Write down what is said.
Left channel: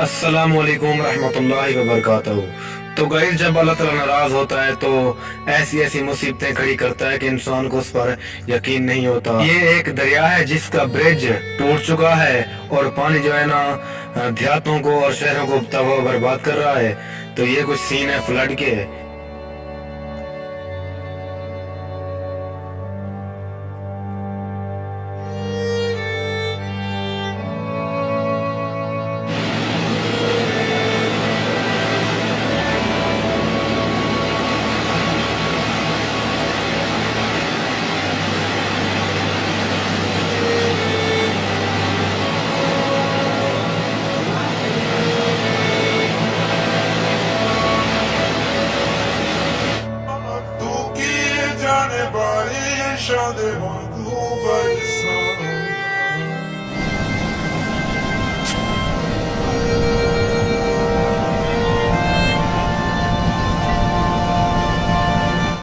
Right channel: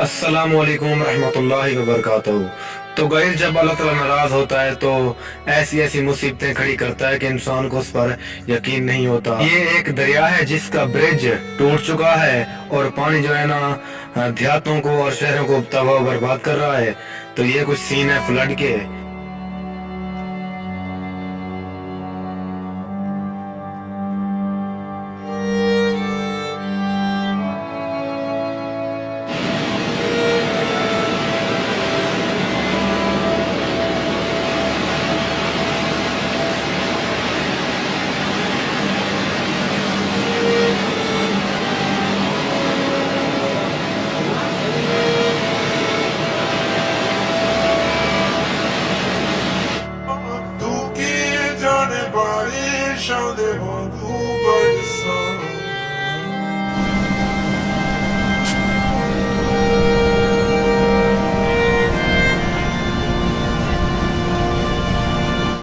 अस्सलामुअलैकुम रहमतुल्लाहि व बरकातहू। तो गाइस, जब अल्लाह ताला नाराज होता है तो ऐसी ऐसी मुसीबतें खड़ी करता है कि इंसान को उस पर यकीन नहीं होता। ये एक दरिया है जिसका ब्रिज टूट चुका है और पानी जो है ना देहातों को और शहरों को तबाह बर्बाद कर रहा है। तो ये कुछ सीन है फ्लड के।